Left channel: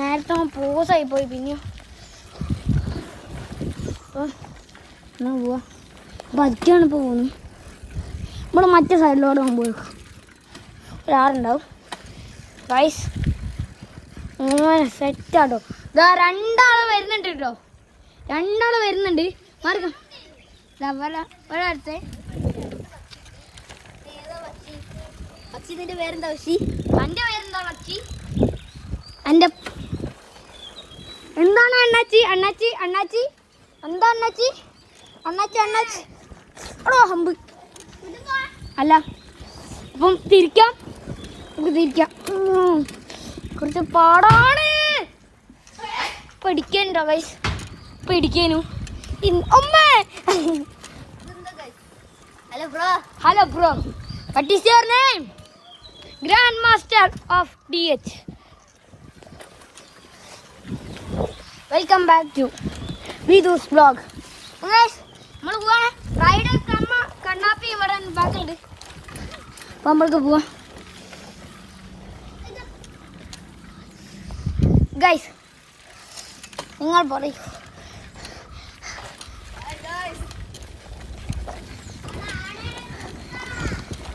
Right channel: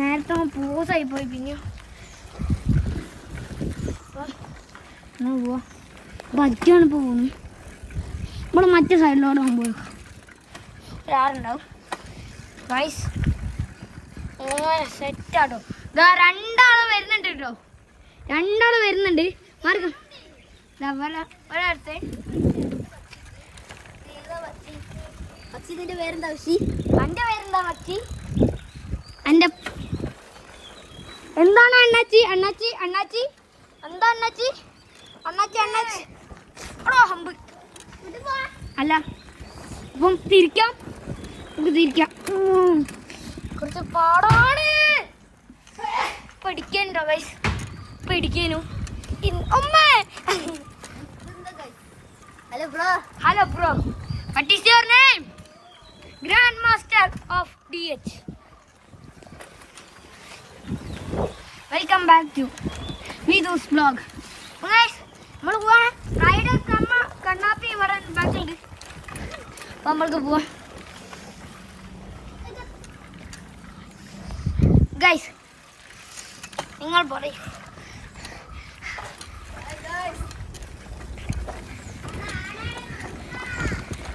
നേരത്തെ പോസായി പോയി പിന്നെ പറ്റാണ് പോകുന്നു. ഇവിടെ മറ്റേ സൈഡിലോട്ട് പോകുമ്പോൾ ഒരാളുണ്ടാവും. വൈസ് സെറ്റാട്ടോ. ഇതാ രണ്ടാള് വരുന്നുണ്ട് കേട്ടോ. രണ്ടാള് വരുന്നുണ്ട്. മാർഗം ഒരാളത്തെ പക്ഷി. ഇതിന്റെ പേരെന്താ പക്ഷി? എൻ്റെ പേരെന്താ പക്ഷി? എൻ്റെ എന്താണ് അണ്ണാച്ചി? അണ്ണാച്ചി അണ്ണാച്ചി എന്താ അണ്ണാച്ചി? അണ്ണാച്ചി അണ്ണാച്ചി ഓ ഹമ്പ് അല്ല. അപ്പം തിരിക്കാം, നമുക്ക് തിരിക്കാം. കുറച്ച് പാടാണ് പഠിക്കാനുണ്ടോ ഗൈസ്? പഠിക്കാനും. Hello bro. Hello bro. What is your name? Grandmaster of DH. Welcome back to Vidhu's vlog. Guys, നമ്മൾ പോവാണ്. റൈഡർ കണ്ണാപ്പി ഇവിടെ ബാക്ക് ഉണ്ട്. അപ്പോൾ നമ്മൾക്ക് പോവാം. ഗൈസ് നിങ്ങൾ പറയൂ.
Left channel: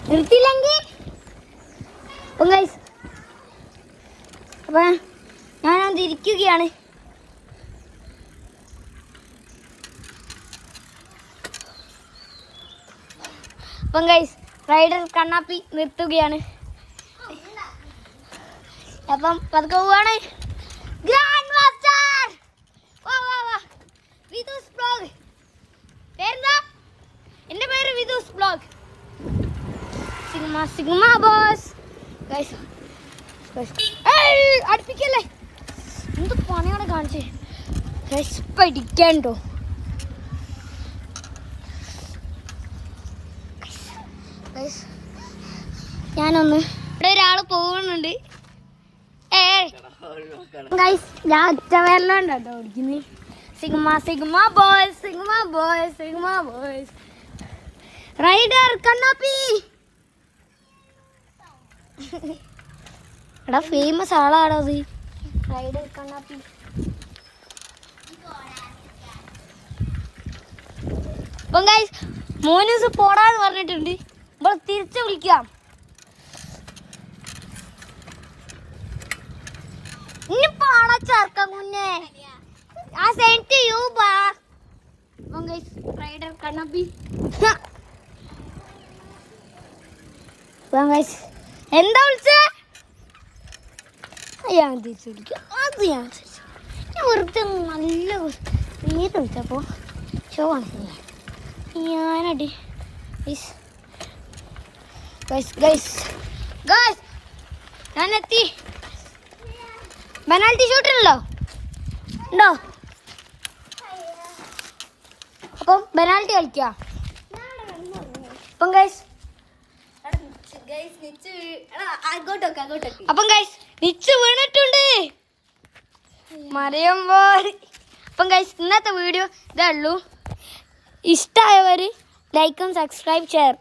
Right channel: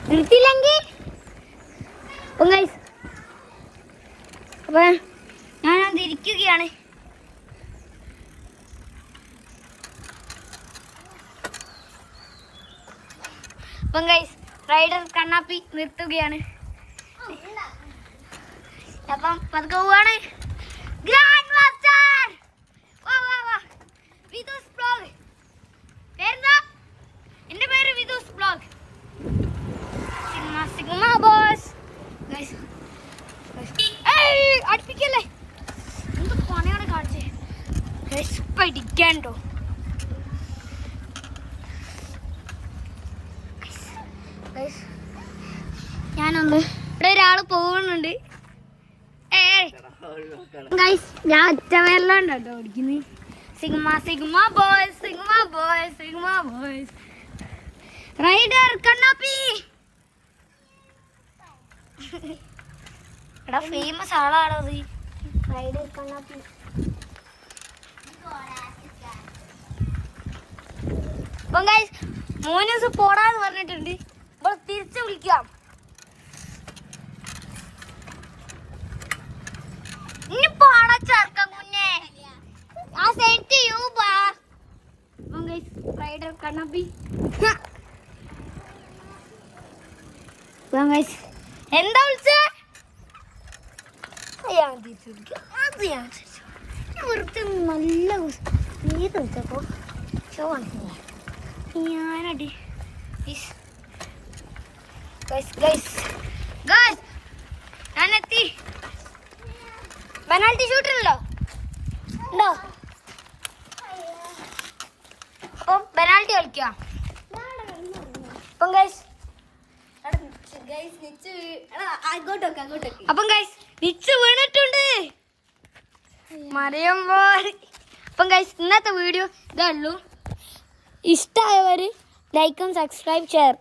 നിർത്തിയില്ലെങ്കിൽ അപ്പം ഗൈസ് അപ്പം ഞാനത് ഇരിക്കുകയാണ്. അപ്പം ഗൈസ് റൈഡർ കണ്ണാപ്പി നിർത്തുകയാണ്. അപ്പം പതുക്കെ പോവാണ്. ഗ്രാൻഡ് മാസ്റ്റർ വാ വാ വാ. വിധൂസ് വ്ലോഗ്. പേരെന്താ? എൻ്റെ പേര് Vidhu's vlog. Sigma sigma boss. Guys അടുപ്പിക്കല്ലേ, എന്ത് പണിയാണ് കാണിച്ചേ. ഗൈസ് പഠിക്കണ്ടോ? ഞാനൊന്ന് ഇവിടെ ഒരാൾ പോകുന്നുണ്ട്. ഗൈസ് ഞാൻ ഒറ്റ പേരിലുണ്ടോ കേട്ടോ ഓടിക്കുന്നത്. Sigma sigma boys, sigma boys, sigma boys. Rider കണ്ണാപ്പി എടാ ഫേമസ് ആളാണോ അത്? റൈഡർ കണ്ണാപ്പി. അപ്പം ഗൈസ് മോനൂസ് പോടാന്ന് പറഞ്ഞിട്ടുണ്ട്. നമ്മൾ തിരിച്ചു വിളിക്കാം. ഇനി പോണ ചേർക്കാം മുന്നേ. റൈഡർ കണ്ണാപ്പി എന്താ വിളിച്ചേ? വെറുതെ നല്ല ഏത് വിളിച്ചപ്പോ ഷോ ആണ് ഞാനടി. ഞാനെത്തി. പെനാൽറ്റി ഷൂട്ടുണ്ടല്ലോ ഉണ്ടോ? അപ്പം പെനാൽറ്റി കളിക്കാം. അപ്പം അപ്പം ഗൈസ് നിച്ച് വീണിട്ടുണ്ട് മറിയുമ്പോൾ. അപ്പം ഗൈസ് ഇന്നത്തെ വീഡിയോ ഇതേ ഉള്ളൂ. ഇഷ്ടമായവർ ലൈക്കും സബ്സ്ക്രൈബ് ഷെയർ